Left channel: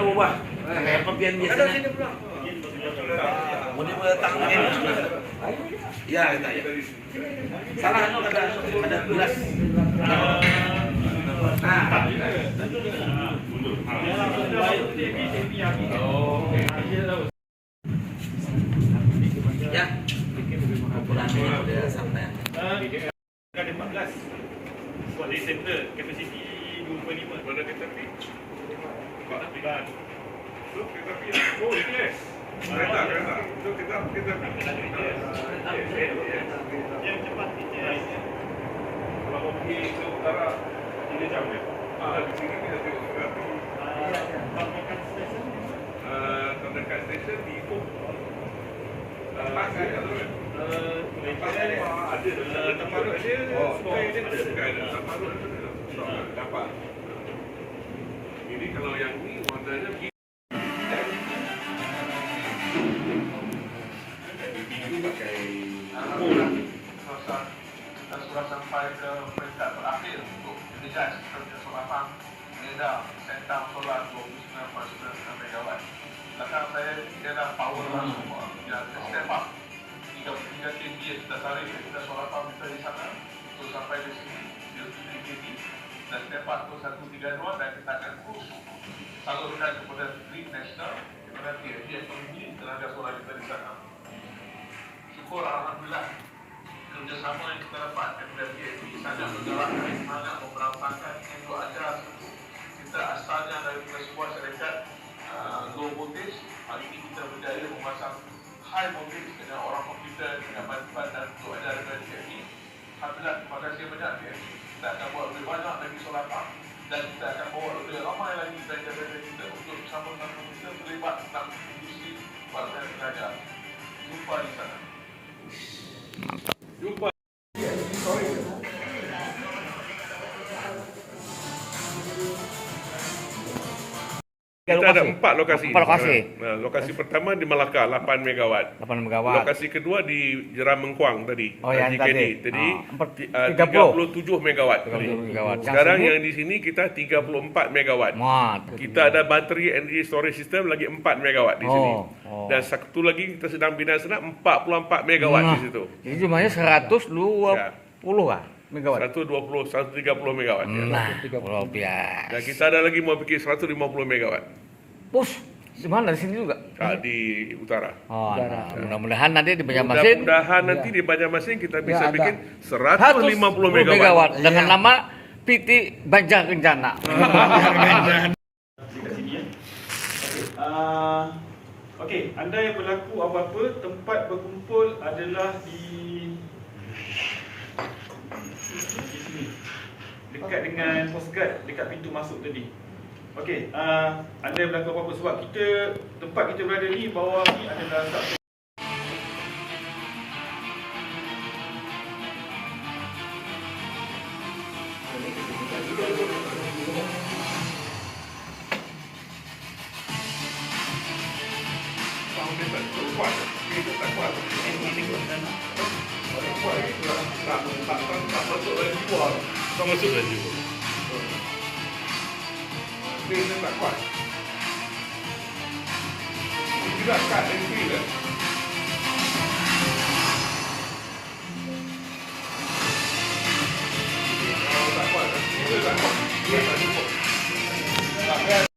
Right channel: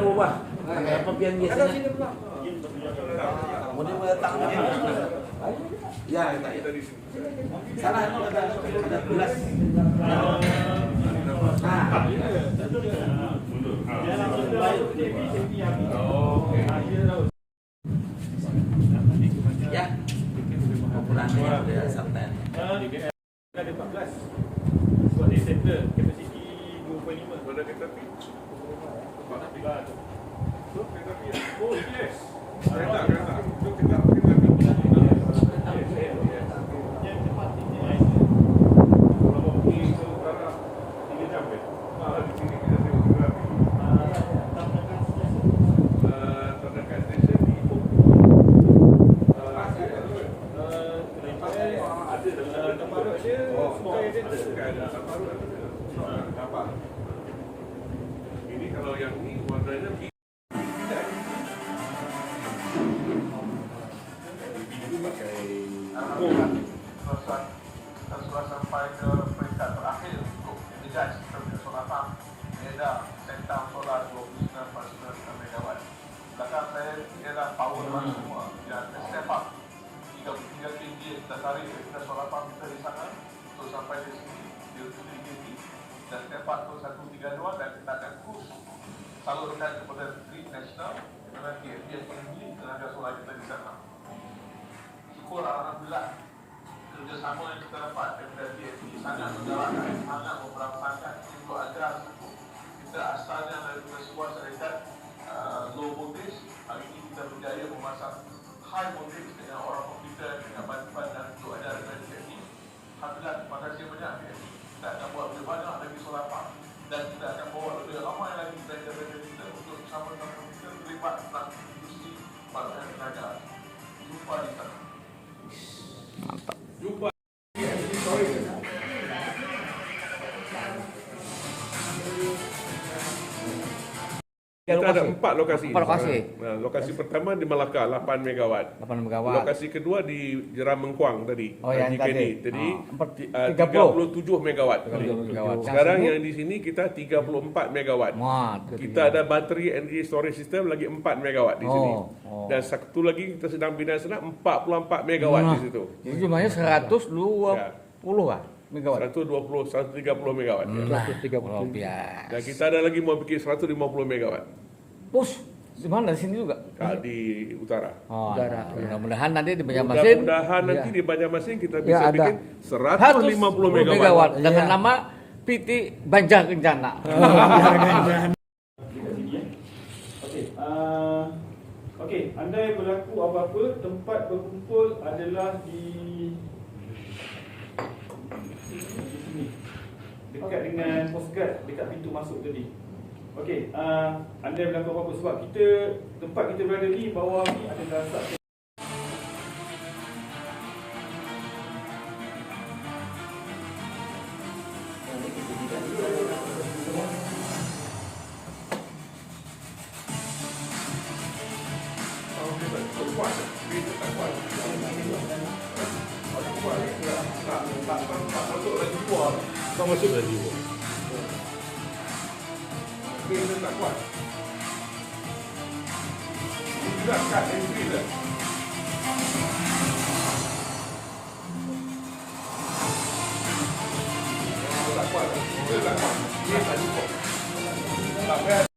ada berubah. Kayak pembian Ada biasanya. sini pula. Mula datang mungkin. Ya, kita ya. Salah no ada ada. Nah, ya. Ukurannya pada sampai. Kan ada 14 Buat dari center Capacity 2.5 Pada kereta api Tempat api So kereta api yes Kereta kereta. So kereta kereta api Yang cepat Kalau mau pergi ke utara 3 jam dia. Ah, di sini kita tengok kereta api terdekat stesen di Ipoh ada ada tamarut dia sungai dia ada. sungai ada. Tamarut ada. Dapat ini kalau yang ni warnanya Selesai dan sudah sampai ke peringkat terakhir untuk Nidas kerja Solapan Neda Sentang Solar 29.9 megawatt Belakang saya dia dah power lah semua Dia ada step up 33 kV sudah tarik kita Solapan kita di sana Untuk sampai di sini 7 kV Dan up tu 132 dan kita akan push Salurkan kepada Grid National. Di mana TFG yang tinggi tenaga solar kita di sana. Syukur Alhamdulillah. Kerjasama yang kita dapat daripada DFP sangat menggalakkan, sangat memperantakan untuk ajar kita asalnya daripada sebuah syarikat uh, low voltage. Hari ini kita berjaya memasang high voltage dengan orang komputer dengan bantuan dan untuk ajar daripada DFP Alhamdulillah terima kasih banyak DFP kita akan buat lebih banyak lagi solar pump dan kita akan bawa lebih ramai lagi belajar-belajar kita untuk bersama-sama kita terlibat dalam bangsa tenaga. Jumpa di sana Kita ada empat lokasi. Empat lokasi. Nah, lokasi pertama di Melaka 8 megawatt. 8 megawatt. Lokasi kedua di Jeram Mengkuang tadi. Oh, yang GKD. tadi. Ah, ti- ah, 30. 37 megawatt. tadi. 30 megawatt. Sekarang Yang yang di sini kita 34 megawatt. Mat. Kita ada bateri energy storage system lagi 4 megawatt di sini. Oh, oh. Dan satu lagi kita sedang bina sana 44 megawatt di situ. Jadi jumlahnya 120 Ya. lah megawatt. 120 130 megawatt ya. Nah, luar biasa. Dan kita ada lagi mau bikin 150 megawatt Bos, di mana di sini juga? ah, di utara. Oh, mudah-mudahan nanti di Banjarmasin Mudah-mudahan nanti di Banjarmasin kita bisa ada. bikin 150 megawatt. megawatt dengan nama PT Banjar Kencana. sini ya. Okey. Uh, okey, andai berlaku apa-apa, tempat berkumpul adalah di Dekat dengan Coast Guard dekat pintu masuk tadi. Okey, uh, andai berlaku apa-apa sebab kita tempat kita berada ni bawah ni adalah Tak masuk lagi. Dia tak kuat. Dia juga kat sini ke? Tak kuat. Dia tak kuat. Dia tak cukup. Tak payah